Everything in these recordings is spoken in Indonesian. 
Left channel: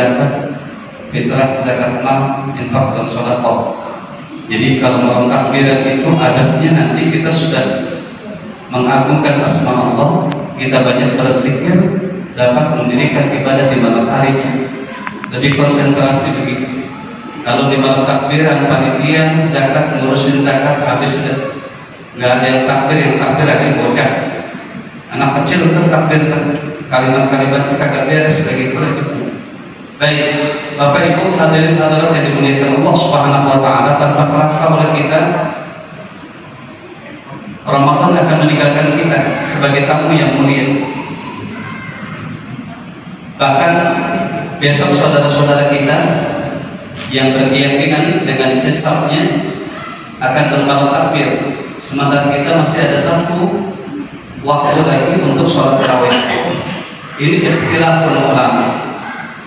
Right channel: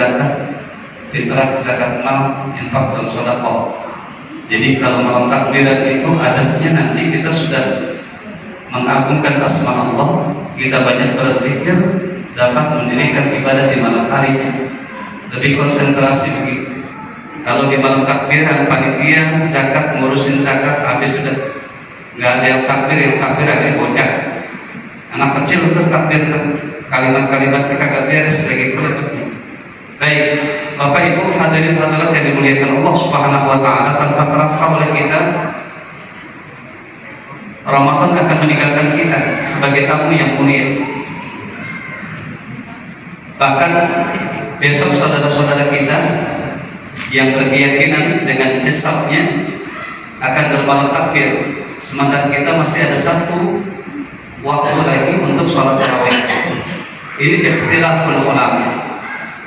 zakat, fitrah, zakat mal, infak dan sedekah. Jadi kalau malam takbiran itu adabnya nanti kita sudah mengagungkan asma Allah, kita banyak berzikir, dapat mendirikan ibadah di malam harinya. Lebih konsentrasi begitu. Kalau di malam takbiran panitia zakat ngurusin zakat habis sudah, nggak ada yang takbir ada yang bocah, anak kecil itu takbir kalimat-kalimat kita gak beres kayak gitu. Baik, Bapak Ibu hadirin hadirat yang dimuliakan Allah Subhanahu wa taala, tanpa terasa oleh kita Ramadan akan meninggalkan kita sebagai tamu yang mulia. Bahkan besok saudara-saudara kita yang berkeyakinan dengan hisabnya akan bermalam takbir, sementara kita masih ada satu waktu lagi untuk sholat tarawih. Ini ikhtilaful ulama.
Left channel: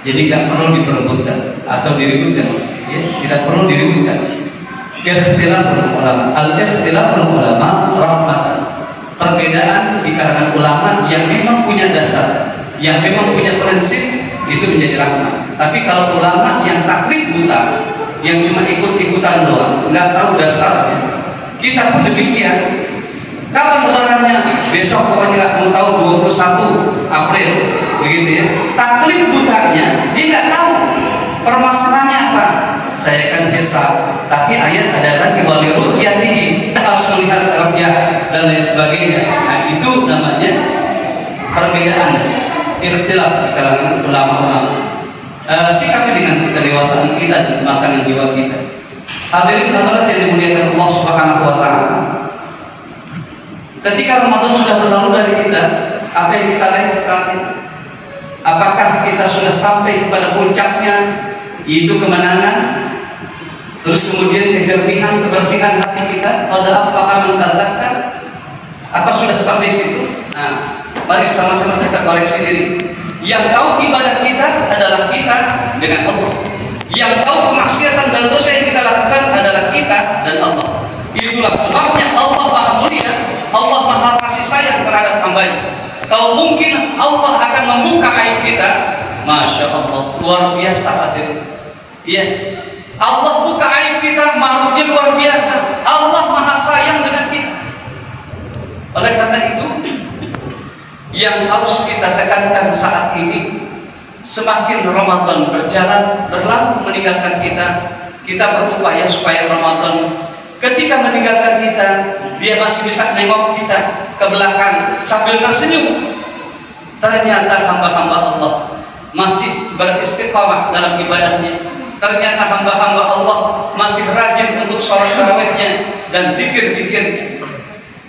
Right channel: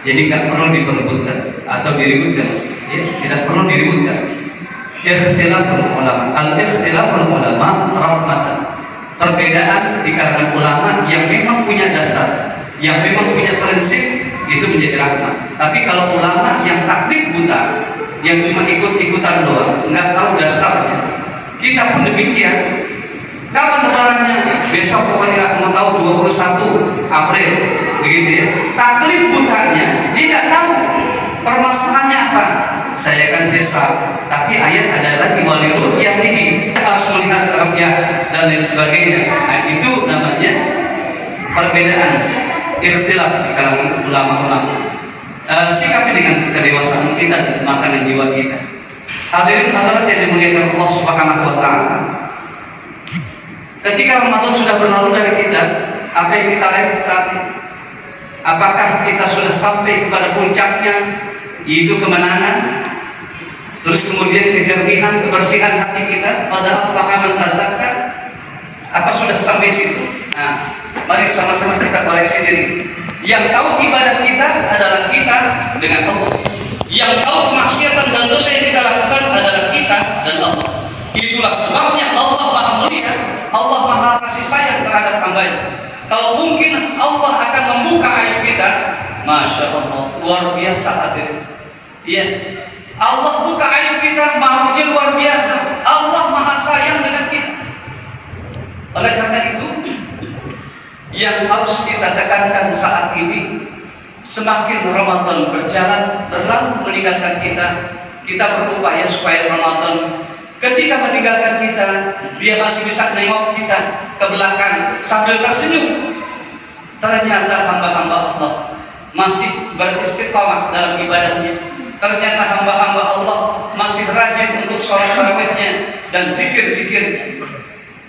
Jadi nggak perlu diperebutkan atau diributkan, ya, tidak perlu diributkan. Ikhtilaful ulama, al-ikhtilaful ulama rahmatan. Perbedaan di kalangan ulama yang memang punya dasar, yang memang punya prinsip, itu menjadi rahmat. Tapi kalau ulama yang taklid buta, yang cuma ikut-ikutan doang, nggak tahu dasarnya, kita pun demikian. Kapan lebarannya? Besok pokoknya mau tahu 21 April, begitu ya. Taklid butanya, dia nggak tahu permasalahannya apa. Saya kan hisab, tapi ayat ada lagi wali ru'yatihi, harus melihat ru'yah dan lain sebagainya. Nah, itu namanya perbedaan, ikhtilaf di kalangan ulama-ulama. Sikapi dengan kedewasaan kita dan kematangan jiwa kita. Hadirin hadirat yang dimuliakan Allah Subhanahu wa taala. Ketika Ramadan sudah berlalu dari kita, apa yang kita lihat saat ini? Apakah kita sudah sampai kepada puncaknya, yaitu kemenangan? Terus kemudian kejernihan, kebersihan hati kita pada aflaha man tazakka? Apa sudah sampai situ? Nah, mari sama-sama kita koreksi diri. Yang tahu ibadah kita adalah kita dengan Allah. Yang tahu kemaksiatan dan dosa yang kita lakukan adalah kita dan Allah. Itulah sebabnya Allah Maha Mulia, Allah Maha kasih sayang terhadap hambanya. Kalau mungkin Allah akan membuka aib kita, Masya Allah, luar biasa hadir. Iya, Allah buka aib kita, makhluknya luar biasa. Allah Maha sayang dengan kita. Oleh karena itu, yang harus kita tekankan saat ini, semakin Ramadan berjalan berlalu meninggalkan kita, kita berupaya supaya Ramadan ketika meninggalkan kita, dia masih bisa nengok kita ke belakang sambil tersenyum. Ternyata hamba-hamba Allah masih beristiqamah dalam ibadahnya. Ternyata hamba-hamba Allah masih rajin untuk sholat tarawihnya dan zikir-zikirnya.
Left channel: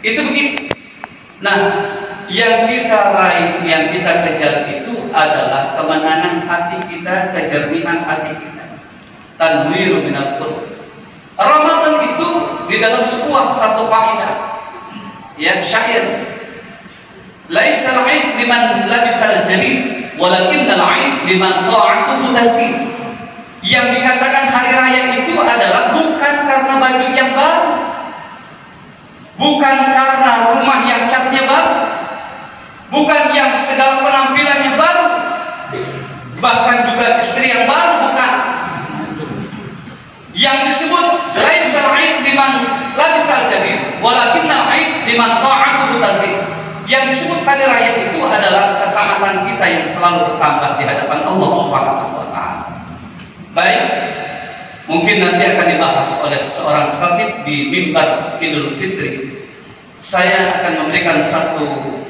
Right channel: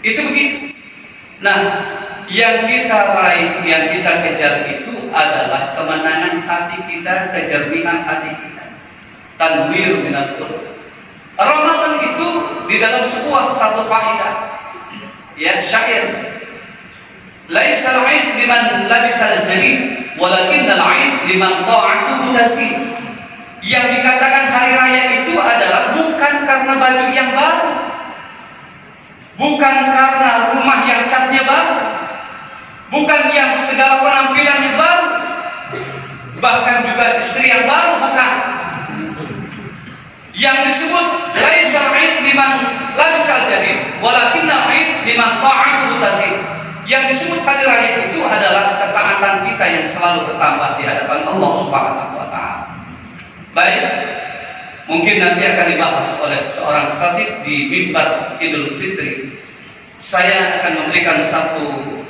Itu begitu. Nah, yang kita raih, yang kita kejar itu adalah kemenangan hati kita, kejernihan hati kita. Tanwiru minat qulub. Ramadan itu di dalam sebuah satu kaidah, ya, syair. Laisal 'aid liman labisal jalid, walakinnal 'aid liman ta'atuhu nasi. Yang dikatakan hari raya itu adalah bukan karena baju yang baru, bukan karena rumah yang catnya baru, bukan yang segala penampilannya baru, bahkan juga istri yang baru, bukan. Yang disebut laisal 'aid liman labisal jalid, walakinnal 'aid liman ta'atuhu nasi. Yang disebut hari raya itu adalah ketaatan kita yang selalu bertambah di hadapan Allah Subhanahu wa taala. Baik, mungkin nanti akan dibahas oleh seorang khatib di mimbar Idul Fitri. Saya akan memberikan satu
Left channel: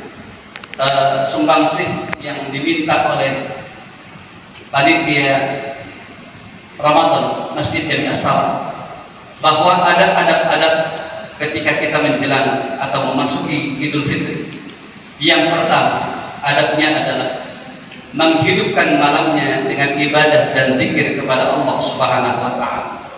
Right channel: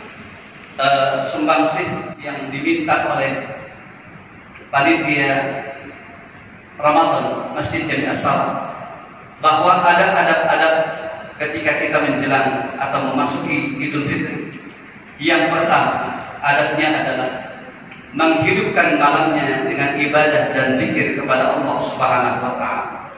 sumbangsih yang diminta oleh panitia Ramadan Masjid Jami As-Salam, bahwa ada adab-adab ketika kita menjelang atau memasuki Idul Fitri. Yang pertama, adabnya adalah menghidupkan malamnya dengan ibadah dan zikir kepada Allah Subhanahu wa taala.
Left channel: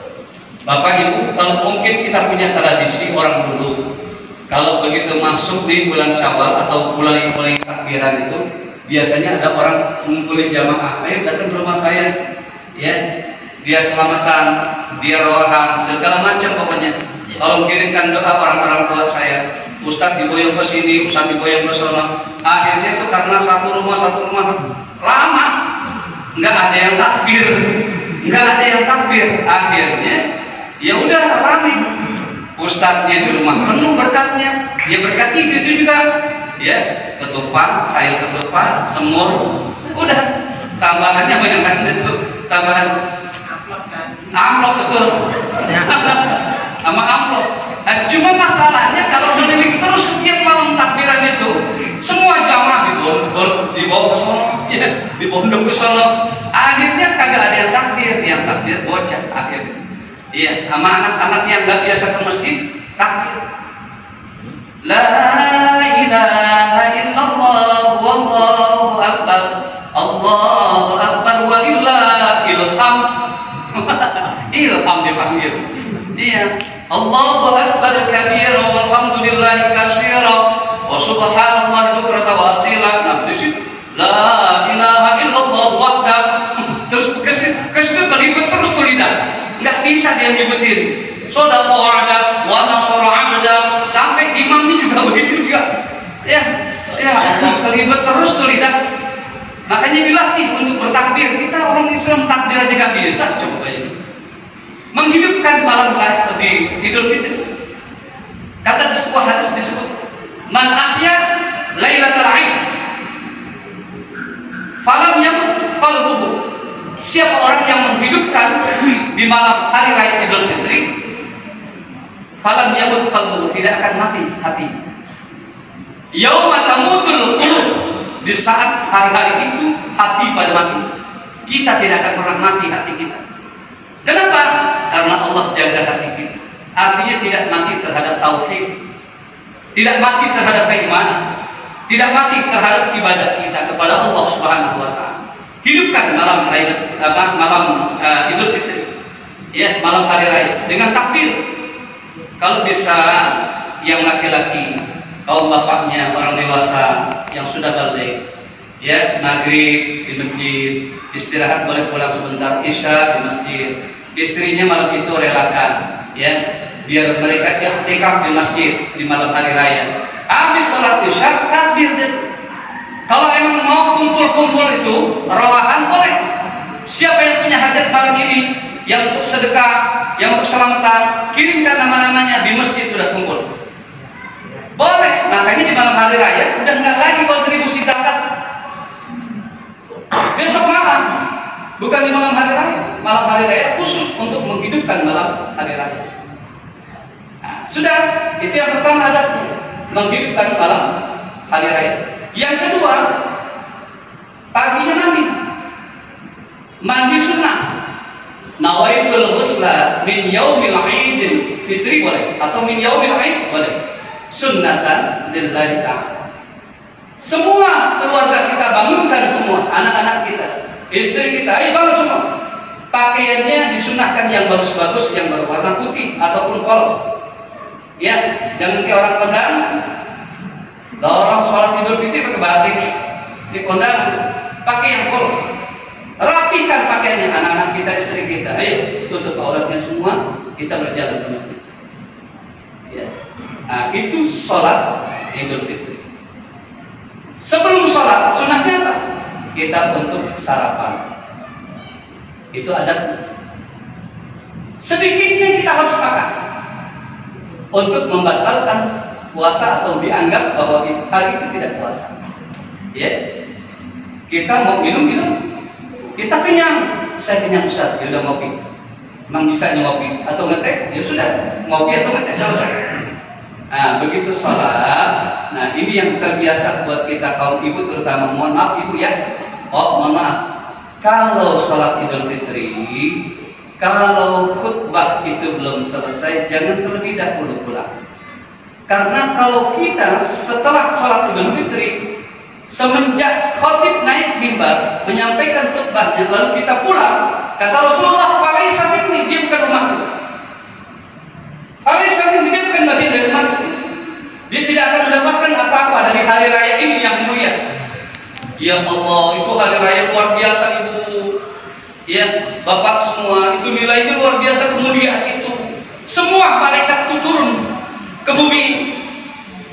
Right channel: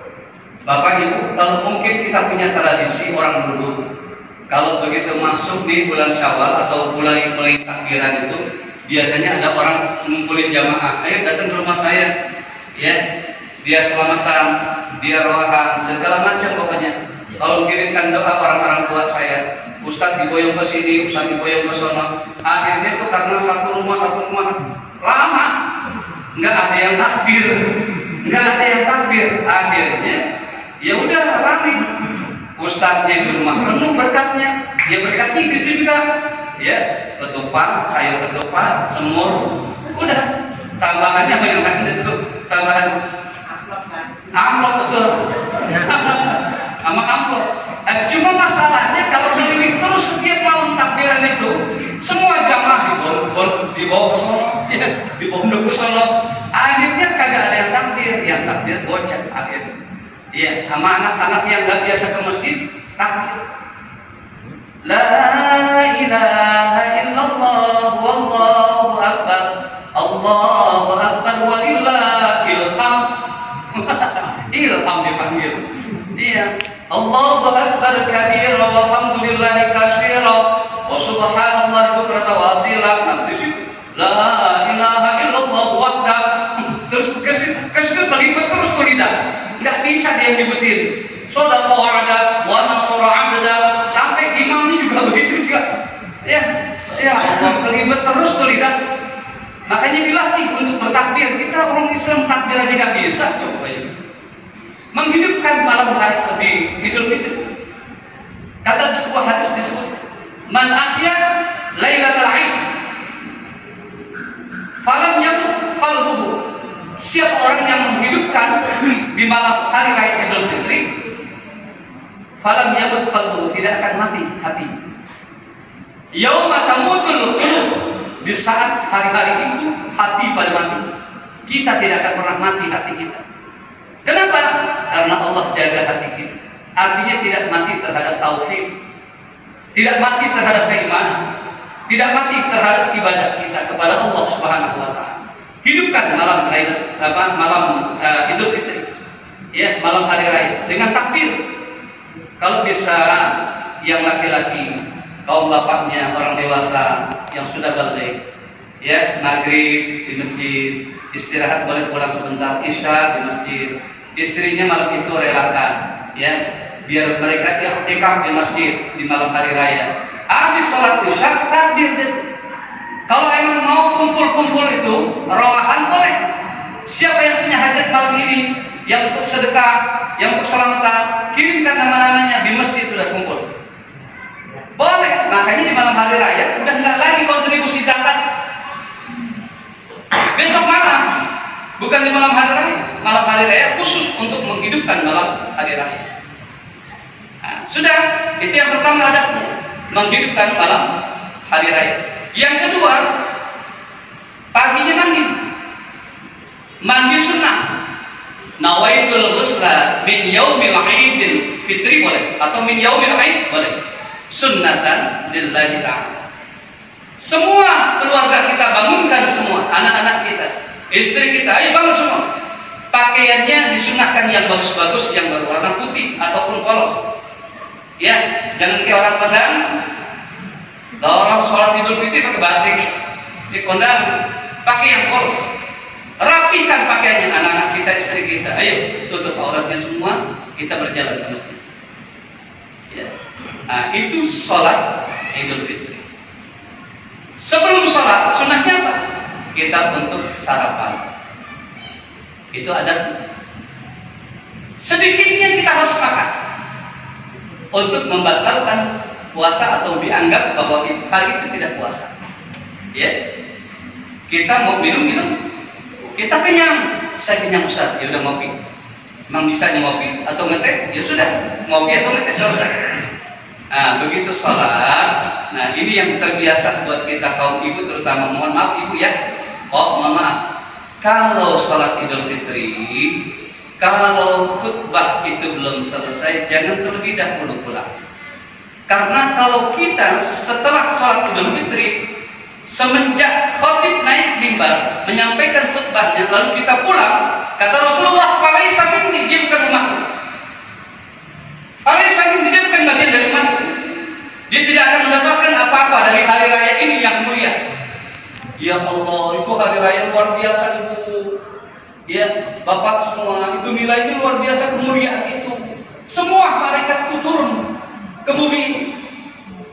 Bapak Ibu, kalau mungkin kita punya tradisi orang dulu, kalau begitu masuk di bulan Syawal atau mulai takbiran itu, biasanya ada orang ngumpulin jamaah, ayo datang ke rumah saya, ya, dia selamatan, dia rohan, segala macam pokoknya. Kalau kirimkan doa orang-orang tua saya, Ustadz diboyong ke sini, Ustadz diboyong ke sana. Akhirnya itu karena satu rumah lama, nggak ada yang takbir, nggak ada yang takbir. Akhirnya ya udah rame, ustadznya di rumah penuh berkatnya. Ya berkat itu juga, ya ketupat, sayur ketupat, semur, udah tambahannya banyak banget tuh, tambahan amplop betul, sama amplop. Nah, cuma masalahnya kalau keliling terus setiap malam takbiran itu, semua jamaah dibawa ke sono, ya, dibondong ke sono. Akhirnya kagak ada yang takbir bocah akhirnya. Iya, sama anak-anak yang nggak biasa ke masjid takbir. La ilaha illallah wallahu akbar, Allahu akbar walillahil hamd. Ilham dipanggil. Iya. Allahu akbar kabira walhamdulillahi katsira wa subhanallahi bukratan wa asila. Nah, di situ la ilaha illallah wahda. Terus kesini kelibet terus tuh lidah. Enggak bisa dia nyebutin. Shadaqa wa'ada wa nasara 'abda. Sampai imamnya juga begitu juga. Ya. Ya Allah, kelibet terus tuh lidah. Makanya dilatih untuk bertakbir. Kita orang Islam takbir aja gak bisa. Coba aja menghidupkan malam di Idul Fitri. Kata sebuah hadis disebut, man ahya lailatal 'id falam yamut qalbuhu. Siapa orang yang menghidupkan di malam hari raya Idul Fitri, falam yamut qalbuhu, tidak akan mati hati. Yauma tamutul qulub, di saat hari-hari itu hati pada mati. Kita tidak akan pernah mati hati kita. Kenapa? Karena Allah jaga hati kita. Artinya tidak mati terhadap tauhid, tidak mati terhadap keimanan, tidak mati terhadap ibadah kita kepada Allah Subhanahu wa taala. Hidupkan malam Idul Fitri, ya, malam hari raya dengan takbir. Kalau bisa yang laki-laki, kaum bapaknya, orang dewasa yang sudah balik, ya, maghrib di masjid, istirahat boleh pulang sebentar, isya di masjid. Istrinya malam itu relakan, ya, biar mereka i'tikaf di masjid di malam hari raya. Habis sholat isya takbir deh. Kalau emang mau kumpul-kumpul itu rawahan boleh. Siapa yang punya hajat malam ini, yang untuk sedekah, yang untuk selamatan, kirimkan nama-namanya, di masjid sudah kumpul. Boleh. Makanya di malam hari raya udah nggak lagi kontribusi zakat. Besok malam, bukan di malam hari raya. Malam hari raya khusus untuk menghidupkan malam hari raya. Nah, sudah, itu yang pertama adabnya, menghidupkan malam hari raya. Yang kedua, paginya mandi. Mandi sunnah. Nawaitul ghusla min yaumil 'idil fitri boleh, atau min yaumil 'id boleh. Sunnatan lillahi ta'ala. Semua keluarga kita bangunkan, semua anak-anak kita, istri kita, ayo bangun semua. Pakaiannya disunahkan yang bagus-bagus, yang berwarna putih ataupun polos. Ya, jangan kayak orang kondangan. Orang sholat Idul Fitri pakai batik, di kondangan pakai yang polos. Rapikan pakaiannya anak-anak kita, istri kita. Ayo tutup auratnya semua, kita berjalan ke masjid. Ya. Nah, itu sholat Idul Fitri. Sebelum sholat, sunnahnya apa? Kita untuk sarapan. Itu ada. Sedikitnya kita harus makan untuk membatalkan puasa atau dianggap bahwa hari itu tidak puasa. Ya, kita mau minum, kita kenyang. Saya kenyang Ustaz, ya udah ngopi. Emang bisa ngopi atau ngeteh? Ya sudah, ngopi atau ngeteh selesai. Nah, begitu sholat. Nah, ini yang terbiasa buat kita kaum ibu, terutama, mohon maaf ibu ya. Oh, mohon maaf. Kalau sholat Idul Fitri, kalau khutbah itu belum selesai, jangan terlebih dahulu pulang. Karena kalau kita setelah sholat Idul Fitri, semenjak khotib naik mimbar menyampaikan khutbahnya, lalu kita pulang, kata Rasulullah, "Falaisa minni", dia bukan umatku. Falaisa minni, dia bukan bagian dari umatku. Dia tidak akan mendapatkan apa-apa dari hari raya ini yang mulia. Ya Allah, itu hari raya luar biasa ibu. Ya, bapak semua, itu nilainya luar biasa, kemuliaan itu. Semua malaikat itu turun ke bumi.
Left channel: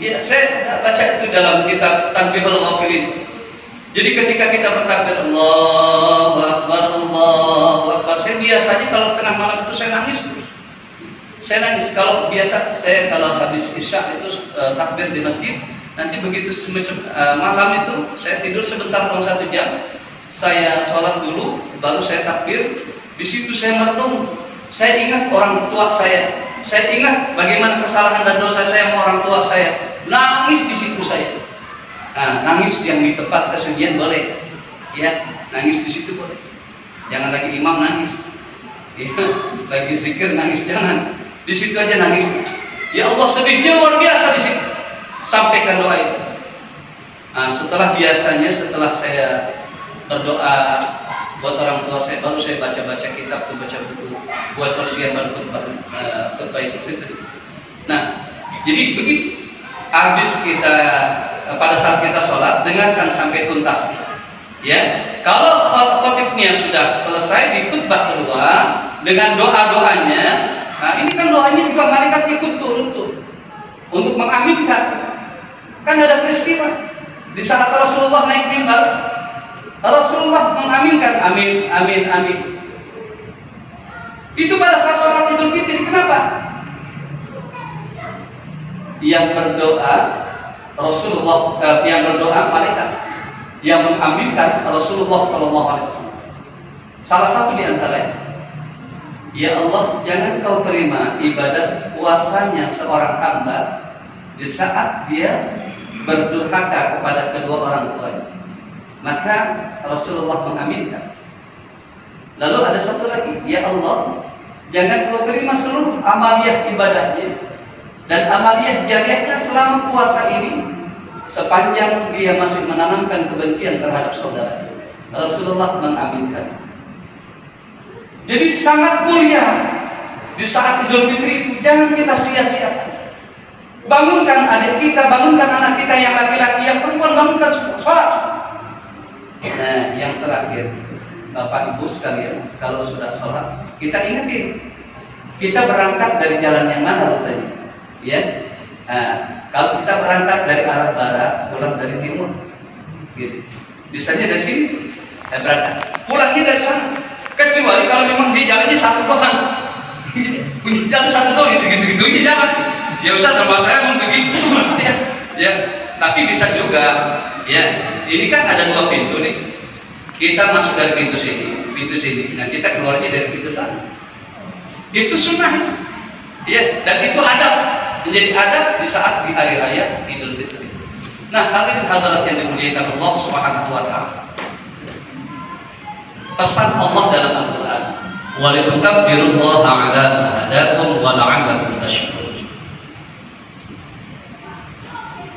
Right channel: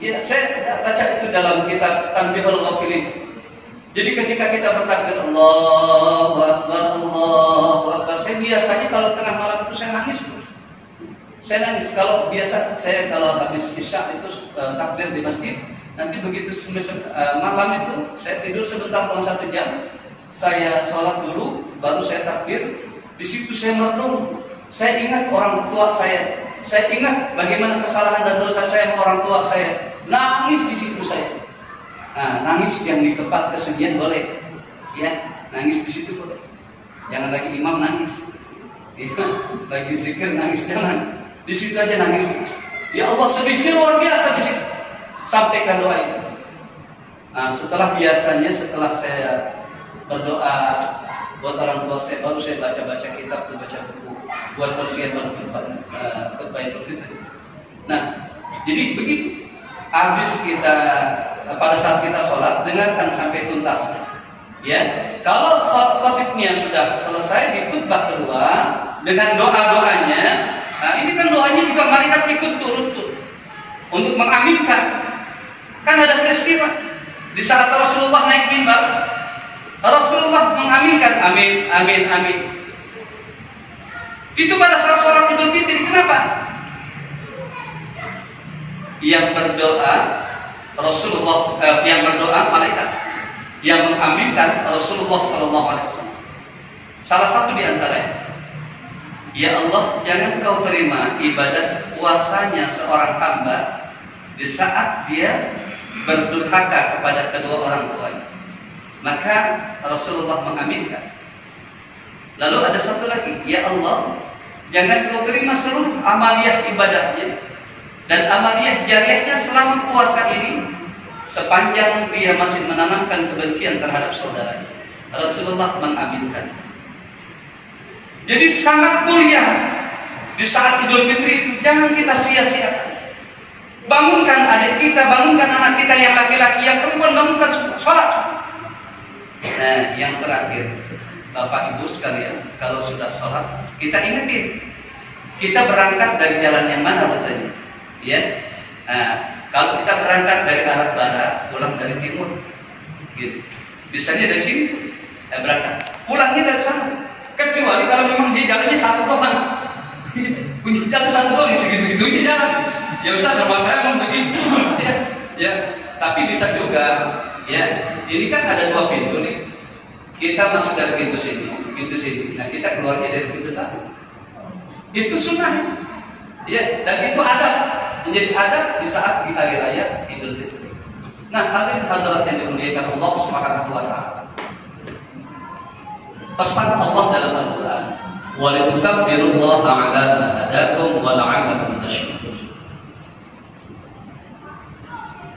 Ya, saya baca itu dalam kitab Tanbihul Ghafilin. Jadi ketika kita bertakbir Allahu Akbar, saya biasanya kalau tengah malam itu saya nangis terus. Saya nangis kalau biasa saya kalau habis isya itu takbir di masjid, nanti begitu malam itu saya tidur sebentar kurang 1 jam, saya sholat dulu, baru saya takbir. Di situ saya merenung, saya ingat orang tua saya ingat bagaimana kesalahan dan dosa saya sama orang tua saya. Nangis di situ saya. Nah, nangis yang di tempat kesunyian boleh, ya, nangis di situ boleh. Jangan lagi imam nangis, ya, lagi zikir nangis jangan. Di situ aja nangis. Ya Allah, sedihnya luar biasa di situ. Sampaikan doa itu. Nah, setelah saya berdoa buat orang tua saya, baru saya baca kitab, baca buku buat persiapan khutbah Idul Fitri. Nah, jadi begitu. Habis kita pada saat kita sholat, dengarkan sampai tuntas. Ya, kalau khotibnya sudah selesai di khutbah kedua dengan doa-doanya, nah ini kan doanya juga malaikat ikut turun tuh untuk mengaminkan. Kan ada peristiwa di saat Rasulullah naik mimbar, Rasulullah mengaminkan amin amin amin. Itu pada saat sholat Idul Fitri. Kenapa? Yang berdoa Rasulullah, yang berdoa malaikat, yang mengaminkan Rasulullah SAW. Salah satu di antaranya, ya Allah, jangan kau terima ibadah puasanya seorang hamba di saat dia berdurhaka kepada kedua orang tuanya. Maka Rasulullah mengaminkan. Lalu ada satu lagi, ya Allah, jangan kau terima seluruh amaliyah ibadahnya dan amaliyah jariahnya selama puasa ini sepanjang dia masih menanamkan kebencian terhadap saudaranya. Rasulullah mengaminkan. Jadi sangat mulia di saat Idul Fitri itu. Jangan kita sia-siakan. Bangunkan adik kita, bangunkan anak kita yang laki-laki, yang perempuan, bangunkan sholat. Nah, yang terakhir, Bapak Ibu sekalian, kalau sudah sholat, kita ingetin, kita berangkat dari jalan yang mana rutenya? Ya, nah, kalau kita berangkat dari arah barat, pulang dari timur, gitu. Biasanya dari sini berangkat, pulangnya dari sana. Kecuali kalau memang dia jalannya satu doang, punya jalan satu doang, segitu-gitunya jalan. Ya Ustaz, sama saya mau begitu, ya. Tapi bisa juga, ya. Ini kan ada 2 pintu nih. Kita masuk dari pintu sini. Nah, kita keluarnya dari pintu sana. Itu sunnah, ya. Dan itu adab. Menjadi adab di saat di hari raya Idul Fitri. Nah, hadirin hadirat yang dimuliakan Allah Subhanahu wa taala. Pesan Allah dalam Al-Qur'an, "Wa litukabbirullaha 'ala ma hadakum wa la'allakum tashkurun."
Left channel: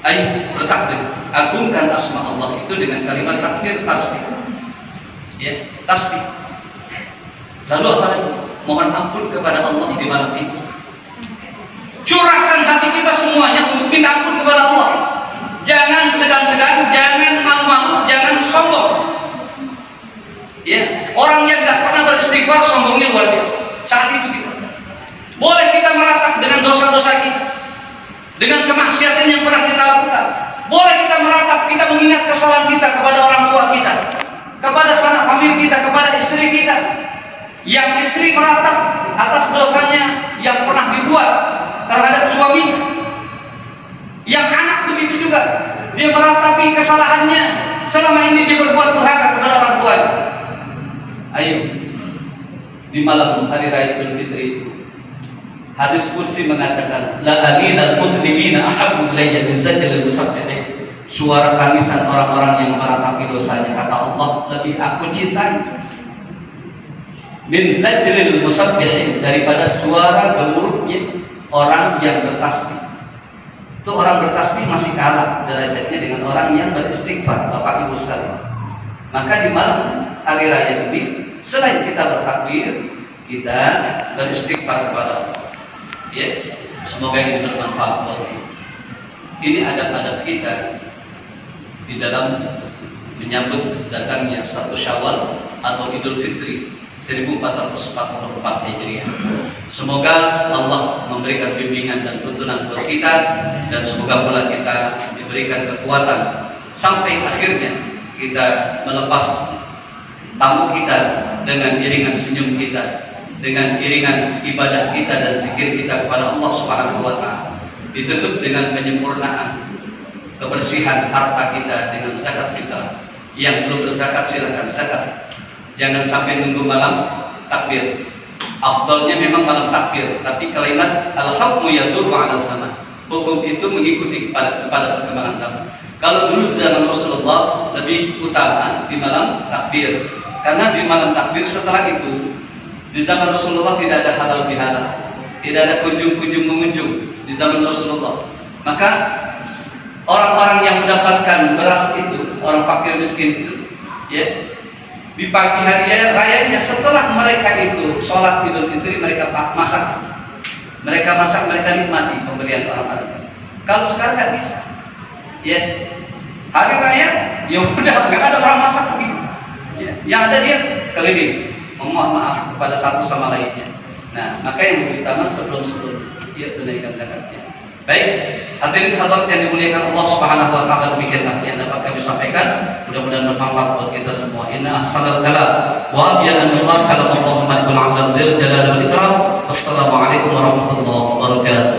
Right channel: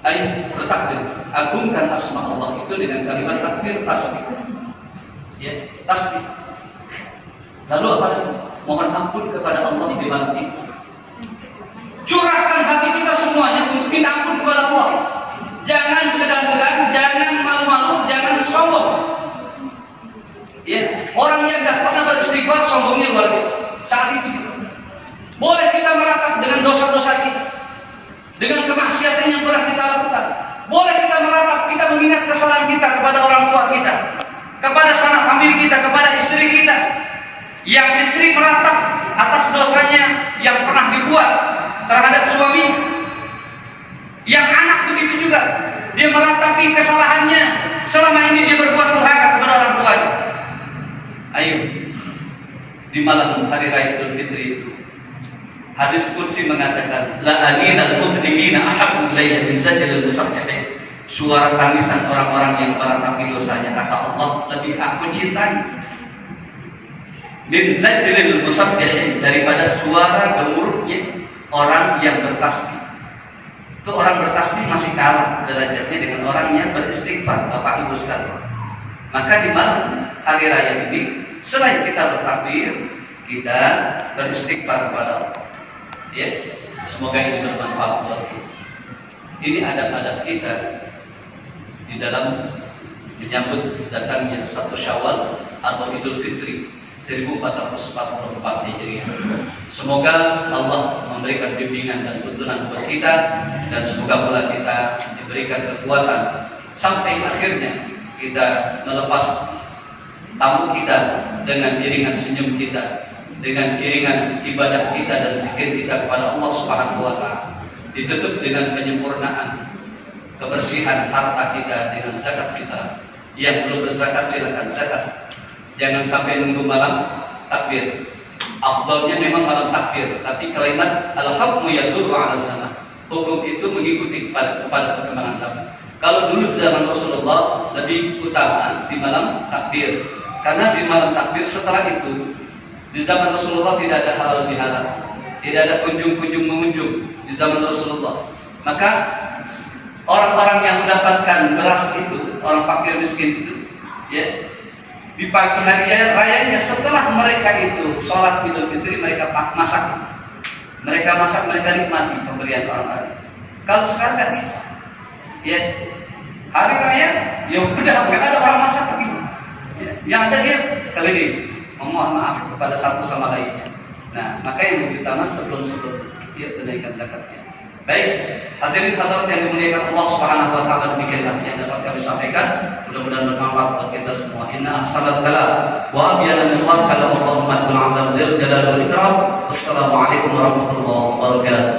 Ayo bertakbir, agungkan asma Allah itu dengan kalimat takbir, tasbih. Ya, tasbih. Lalu apa lagi? Mohon ampun kepada Allah di malam itu. Curahkan hati kita semuanya untuk minta ampun kepada Allah. Jangan segan-segan, jangan malu-malu, jangan sombong. Ya, orang yang tidak pernah beristighfar sombongnya luar biasa. Saat itu kita boleh kita meratap dengan dosa-dosa kita, dengan kemaksiatan yang pernah kita lakukan. Boleh kita meratap, kita mengingat kesalahan kita kepada orang tua kita, kepada sanak famili kita, kepada istri kita. Yang istri meratap atas dosanya yang pernah dibuat terhadap suami, yang anak begitu juga, dia meratapi kesalahannya selama ini dia berbuat durhaka kepada orang tuanya. Ayo, di malam hari raya Idul Fitri itu, hadis qudsi mengatakan, la aninal mudlimina ahabbu ilayya min zajril musabbihin. Suara tangisan orang-orang yang meratapi dosanya, kata Allah, lebih aku cintai min zajril musabbihin, daripada suara gemuruhnya orang yang bertasbih. Itu orang bertasbih masih kalah derajatnya dengan orang yang beristighfar, Bapak Ibu sekalian. Maka di malam hari raya ini, selain kita bertakbir, kita beristighfar kepada Allah. Ya, semoga ini bermanfaat buat kita. Ini adab-adab kita di dalam menyambut datangnya 1 Syawal atau Idul Fitri 1444 Hijriah. Semoga Allah memberikan bimbingan dan tuntunan buat kita, dan semoga pula kita diberikan kekuatan sampai akhirnya kita melepas tamu kita dengan iringan senyum kita, dengan iringan ibadah kita dan zikir kita kepada Allah Subhanahu wa taala. Ditutup dengan penyempurnaan kebersihan harta kita dengan zakat fitrah. Yang belum berzakat silakan zakat. Jangan sampai nunggu malam takbir. Afdalnya memang malam takbir, tapi kalimat al-hukmu yadurru 'ala zaman. Hukum itu mengikuti kepada perkembangan zaman. Kalau dulu zaman Rasulullah lebih utama di malam takbir. Karena di malam takbir setelah itu di zaman Rasulullah tidak ada halal bihalal, tidak ada kunjung-kunjung mengunjung di zaman Rasulullah. Maka orang-orang yang mendapatkan beras itu, orang fakir miskin itu, ya, di pagi hari rayanya setelah mereka itu sholat Idul Fitri mereka masak, mereka nikmati pemberian orang-orang. Kalau sekarang nggak bisa, ya, hari raya, ya udah nggak ada orang masak lagi, ya, yang ada dia keliling, memohon maaf kepada satu sama lainnya. Nah, maka yang lebih utama sebelum ya tunaikan zakatnya. Baik, hadirin hadirat yang dimuliakan Allah Subhanahu wa taala, demikianlah yang dapat kami sampaikan. Mudah-mudahan bermanfaat buat kita semua. Inna ahsanal kalam wa abyana min kalam Allahumma bil 'ala dzil jalali wal ikram. Wassalamu alaikum warahmatullahi wabarakatuh.